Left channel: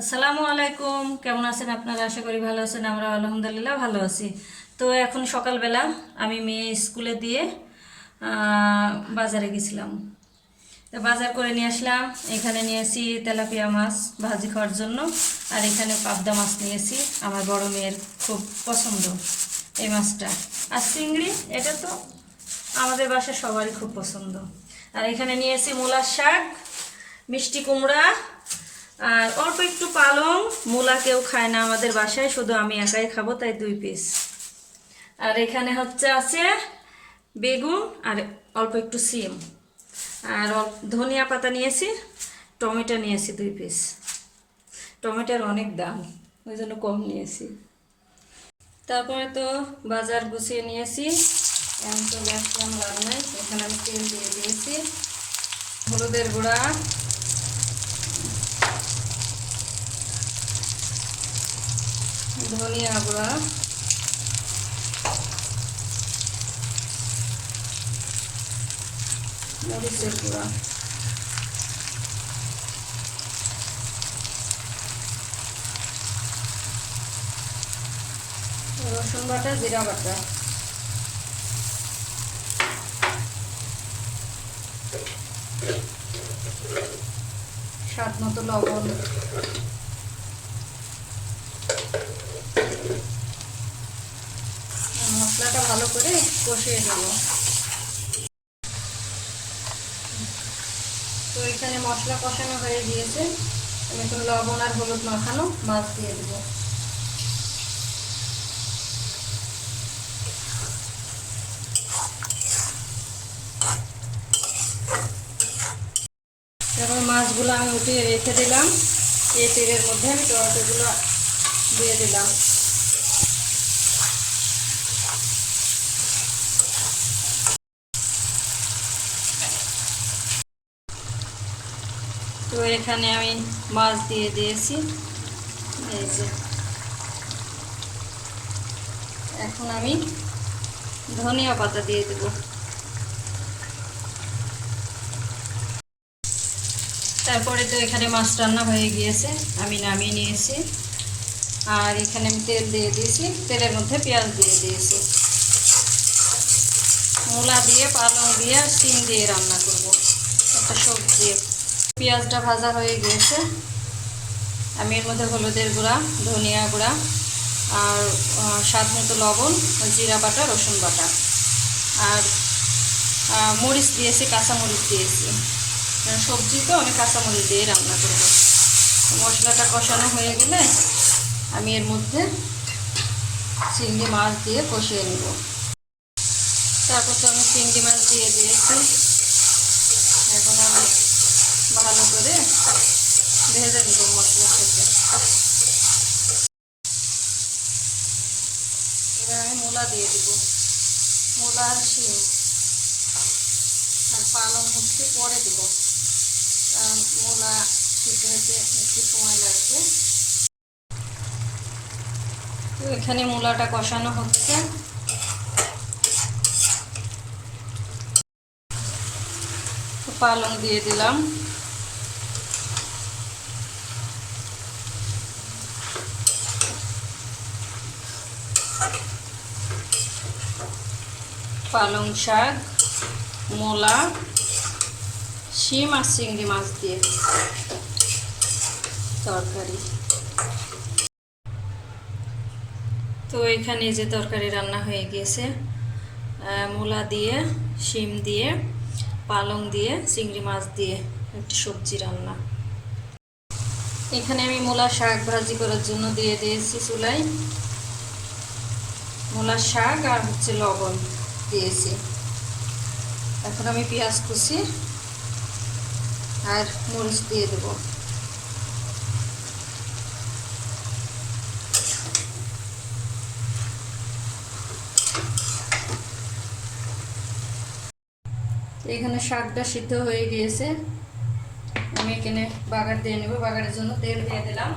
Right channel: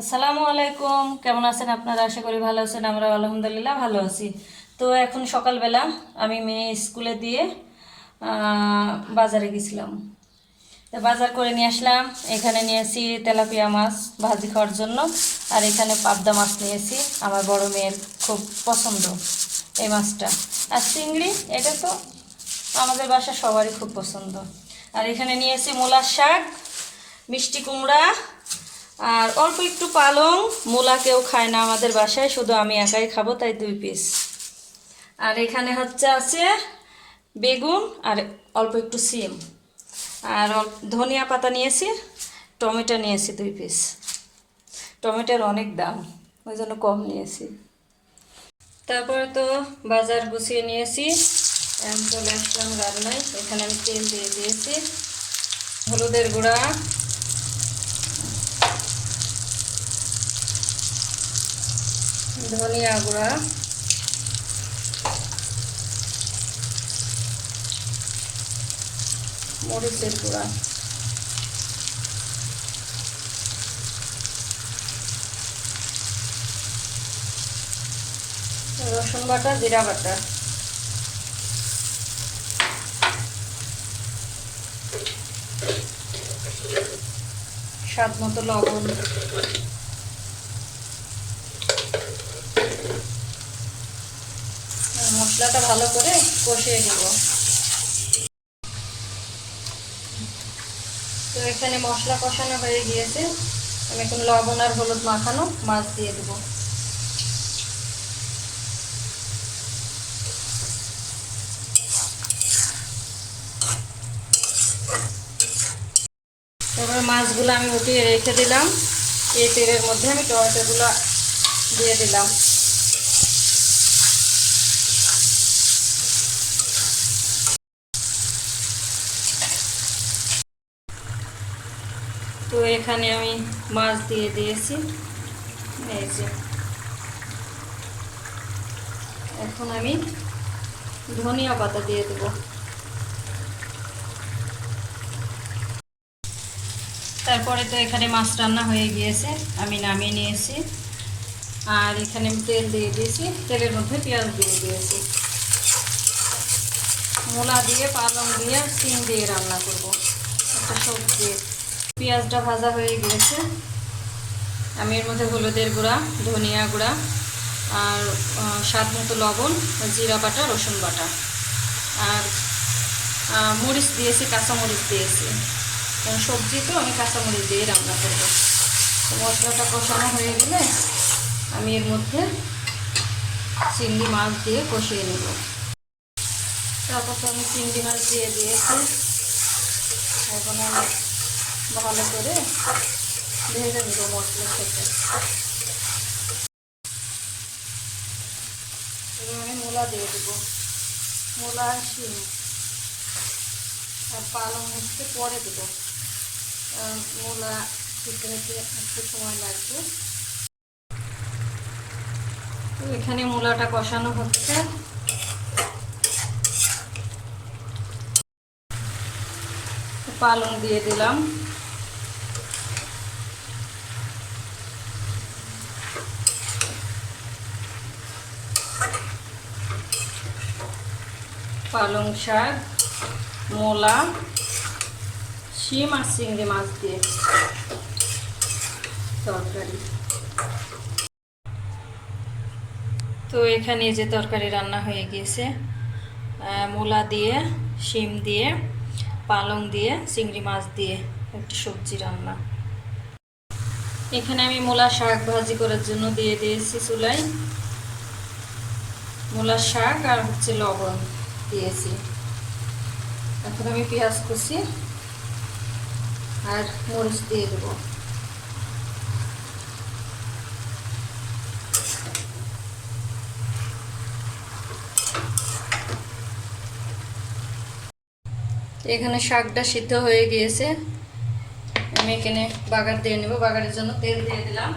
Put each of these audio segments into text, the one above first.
আসসালামু আলাইকুম, কেমন আছেন আপনারা? আশা করি ভালো আছেন। আমরা আলহামদুলিল্লাহ ভালো আছি। তো এখন সকালবেলা আমি মেয়ে স্কুলে দিয়ে বাজারে গেছিলাম। তো বাজার করে নিয়ে আসলাম। এখানে নিয়েছি তেলাপিয়া মাছ ভাজি খাওয়ার জন্য, আর এখানে পাবদা মাছ নিয়েছি। আমার বড় মেয়ের খুব পছন্দ এই মাছটা। আর চিংড়ি, এটা তো আমাদের বাসার সবারই খুব পছন্দ। আর এখানে নিয়েছি মূলার শাক, মিষ্টি কুমড়া, আর অল্প একটু পালং। মূলা কেউ খায় না আমাদের বাসায়, শুধু আমি একাই খাবো, তাই 2 পিস। আর এখানে আছে বেগুন আর অল্প একটু সিম, আর ধনিয়া পাতা নিয়েছি, টমেটো নিয়েছি 2 পিস। টমেটোর অনেক দাম, ওই জন্য কম নিয়েছি। তারপরে তো বাজার গুছিয়ে নিয়েছি, এখন চলে আসলাম রান্নায়। এখানে আমি তেল দিয়ে দিয়েছি, হলুদের গুঁড়া, ধনিয়া গুঁড়া, মরিচের গুঁড়া, রসুন বাটা, জিরা বাটা, স্বাদ মতো লবণ। মশলাটা ভালো করে কষিয়ে দেব। তো এখানে মশলা কষানো হয়ে গিয়েছে, আমি এখন লবণ আর হলুদ মাখানো মাছ দিয়ে দেবো। তারপরে মাছগুলো আমি উঠিয়ে রেখে দিলাম। এই তেলের মধ্যে আমি টমেটোগুলো দিয়ে দিলাম। তো এখানে আমি মাছ দিয়ে দিয়েছি, এই যে। এখন আমি ধনিয়া পাতা দিয়ে দেব। তারপরে তো এখানে মাছ রান্না হয়ে গিয়েছে, আমি নামিয়ে নিয়েছি। আর এখানে আমি তেল দিয়ে দিয়েছি, তেলের মধ্যে পেঁয়াজ দিয়ে দিয়েছি। মূলা দিয়ে, পালং দিয়ে, শিম দিয়ে রান্না করব একটা সবজি। পেঁয়াজটা ভাজা হয়ে গিয়েছে, আমি এর মধ্যে হলুদের গুঁড়া, ধনিয়া গুঁড়া, আর স্বাদ মতো লবণ, জিরা বাটা, রসুন বাটা, আর মরিচ দিয়েছি, কাঁচামরিচ দিয়েছি। সবজি তো আমি কাঁচামরিচ দিয়ে রান্না করব। মশলাটা কষানো হয়ে গেলে আমি এর মধ্যে চিংড়ি মাছ দিয়ে কষিয়ে নেব। তারপর তো আমি চিংড়ি মাছ দিয়ে দিয়েছি। এখন আমি ভালো করে ভেজে নেব মশলার সাথে। এবার আমি মূলা দিয়ে দেবো, মূলা, শিম আর পালং পরে দেবো, কারণ মূলা সিদ্ধ হতে একটু সময় লাগবে। তো এখানে মূলাটা কষানো হচ্ছে। পালং দিয়ে দিলাম, পালং শাক, মূলা, শিম আর চিংড়ি মাছ দিয়ে তরকারি। তো এখানে যে তরকারি রান্না হয়ে গিয়েছে, মূলা দিয়ে, শিম দিয়ে, পালং দিয়ে, চিংড়ি মাছ দিয়ে একটি সবজি রান্না। এখানে আমি মূলা শাক ভাজি করার জন্য দিয়ে দিয়েছি চুলায়। মূলা শাক আর লবণ দিয়েছি। এখন আমি পেঁয়াজ কুচি আর মরিচ দিয়ে দেব। এখানে শাকটা সিদ্ধ হয়ে গিয়েছে, আমি এখানে বাগার দিয়ে নেব। বাগারের জন্য তেল দিয়ে দিলাম।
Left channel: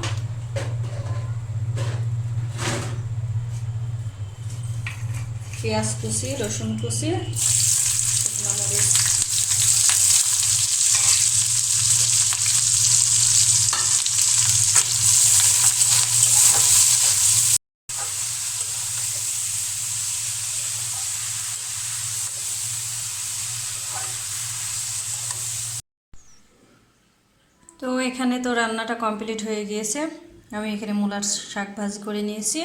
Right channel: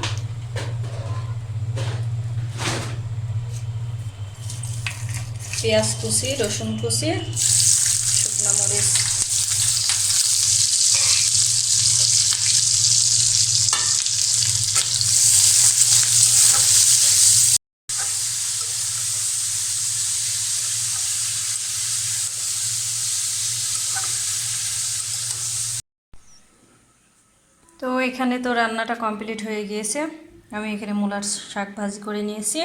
পেঁয়াজ কুচি, রসুন কুচি, শুকনো মরিচ, এখানে তো রান্নাটা কমপ্লিট হয়ে গিয়েছে। আমি এখানে মূলার শাক ভাজি করে নিয়েছি,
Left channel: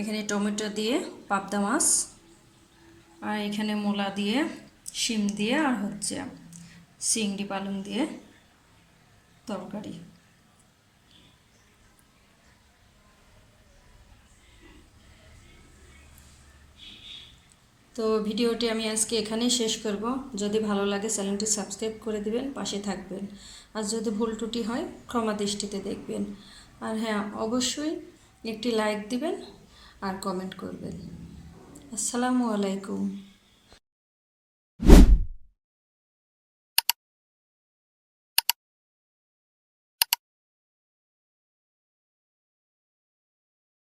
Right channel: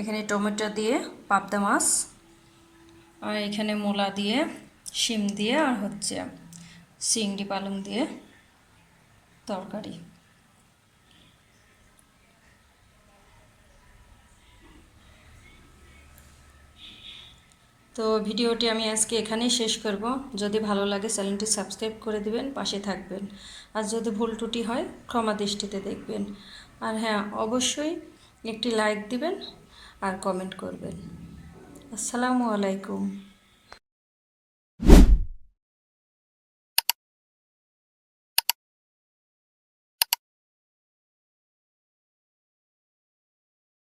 এখানে টমেটো দিয়ে পাবদা মাছ, আর এখানে মূলা দিয়ে, শিম দিয়ে, আর হচ্ছে চিংড়ি পালং দিয়ে তরকারি। তো ভিডিওটি আমি আজকে এখানেই শেষ করব। যদি ভালো লাগে চ্যানেলটি সাবস্ক্রাইব করে দিবেন, পাশে থাকবেন। আর যদি ভুল ত্রুটি হয় ক্ষমা দৃষ্টিতে দেখবেন। আর হ্যাঁ, অবশ্যই একটি লাইক দিবেন আর কমেন্ট করবেন। আসসালামু আলাইকুম।